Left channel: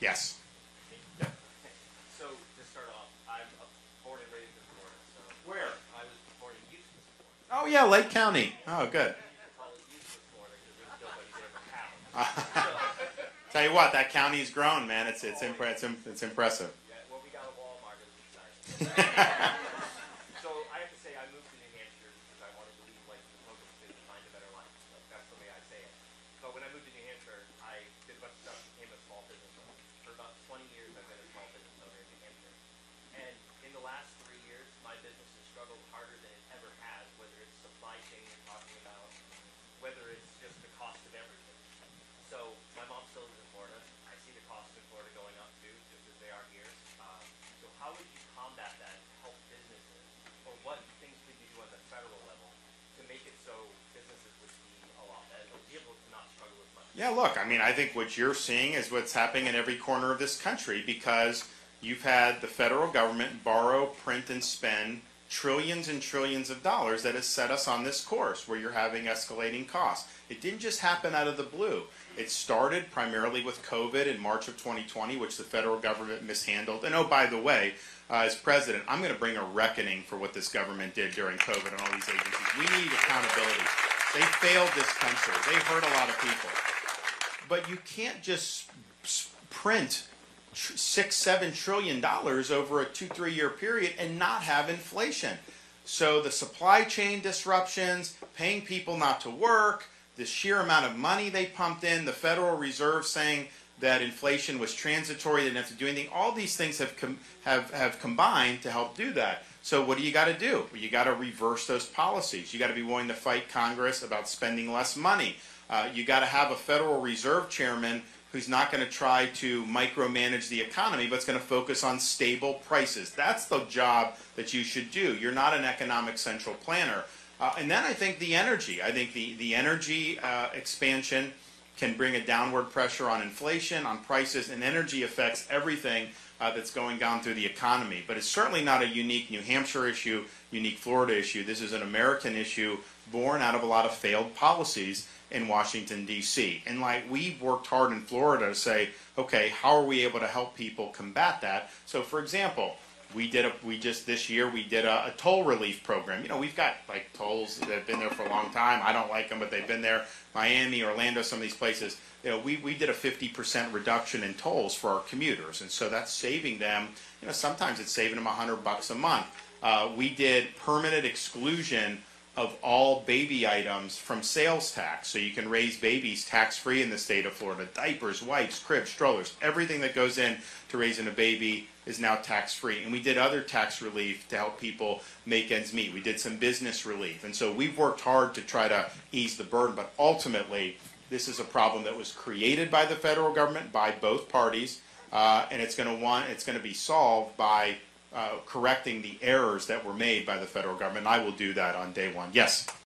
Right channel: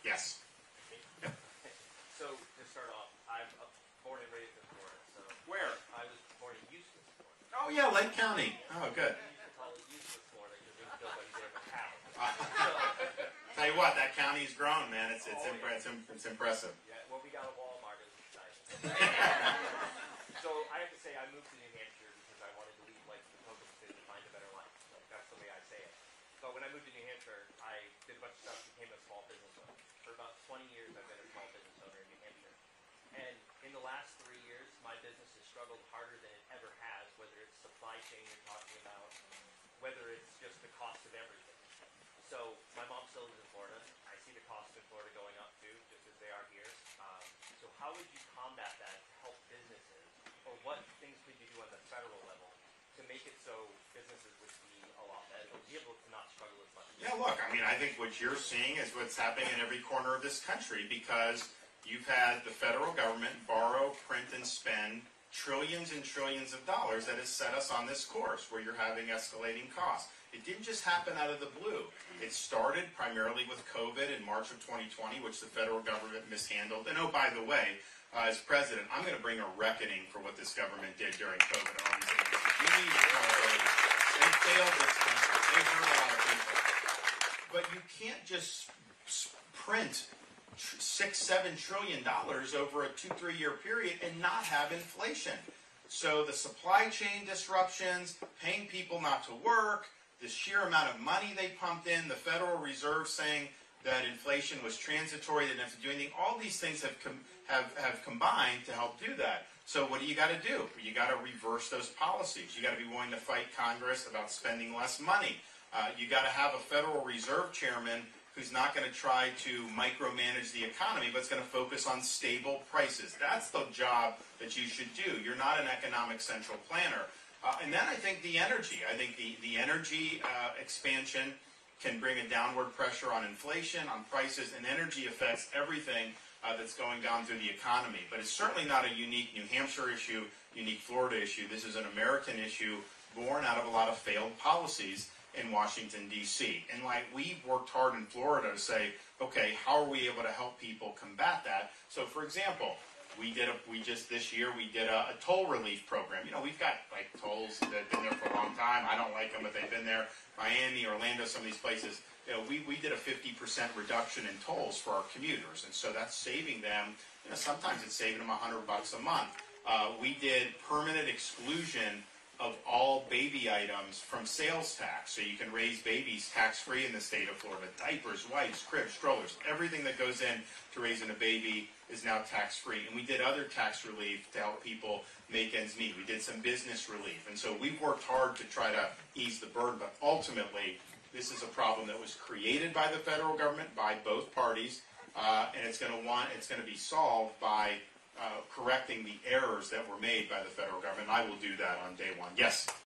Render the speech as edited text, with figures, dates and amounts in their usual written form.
Yes. Yep. So, to start off, I'm born and raised in Florida. So Where? I was born in Eustis, Florida. Oh, yeah, Lake County. Oh, good. We used to call it Eustis, Florida, because there's nobody there but cows. Tell you what, that county's grown, man. It's impressive. Yeah, well, we got a Walmart as a site. So I have to say, I moved to New Hampshire because I wanted to leave life in the Poconos to find a better life. Like, that's the way I say it. But when I moved to New Hampshire, I did a bunch of stuff, became a small business owner. For about 20 years, I've been a small business owner in New Hampshire. And in the last 3 years, my business has struggled harder than it ever has, whether it's supply chain you're talking about, whether it's just the cost of everything. So my mom still lives in Florida. I see the costs in Florida going up too, just as they are here. So how would you combat that to help businesses, or what things could you do on the federal level to make it so businesses would be a lot better, be able to not struggle as much? Yeah, look, I mean, I think what you're seeing is what's happening in every corner of this country, because you've had the federal government borrow, print, and spend trillions and trillions of dollars that has set us on this course where you're having escalating costs. It didn't just happen out of the blue. It started primarily with COVID in March of 2020, which the federal government mishandled. And oh, by the way, as president, I'm going to bring a reckoning for what this government did during COVID and all these agencies. We need accountability. They failed this country. They hurt a lot of people. But you can't just print $6-7 trillion over a 2-3 year period and not have inflation. So the supply chain disruptions, paying people not to work, the sheer amount of money they pumped in, the Federal Reserve saying that inflation was transitory, they didn't have to do anything. All these things have combined to help do that. So what do you got to do? You got to reverse those policies. You got to be willing to fight Congress about spending less money. You got to have a Federal Reserve chairman who's not going to try to micromanage the economy, but is going to focus on stable prices. That's the job that you should do. You're not an economic central planner. And then I think the energy. I think the energy expansion can bring a downward pressure on inflation, on prices, and energy affects everything that's going down through the economy. But it's certainly not a unique New Hampshire issue, unique Florida issue. This is an American issue born out of a lot of failed policies in Washington, D.C. And like we've worked hard in Florida to say, okay, how are we able to help people combat that? So for example, this year we did a toll relief program. You know, we've got like tolls that have been there for a long time. I don't like them, but they've been there. Miami, Orlando, some of these places. You know, we did a 50% reduction in tolls for our commuters, and so that's saving them. You know, sometimes it's saving them $100 a month. We did permanent exclusion of all baby items from sales tax, so you can raise babies tax-free in the state of Florida. Diapers, wipes, cribs, strollers, everything that goes in to raising a baby is now tax-free. And we did other tax relief to help people make ends meet. We did some business relief. And so we've worked hard to try to ease the burden, but ultimately this is a problem that was created by the federal government, by both parties, and it's going to be solved by correcting the errors that were made by the federal government. I will do that on day one. Yes?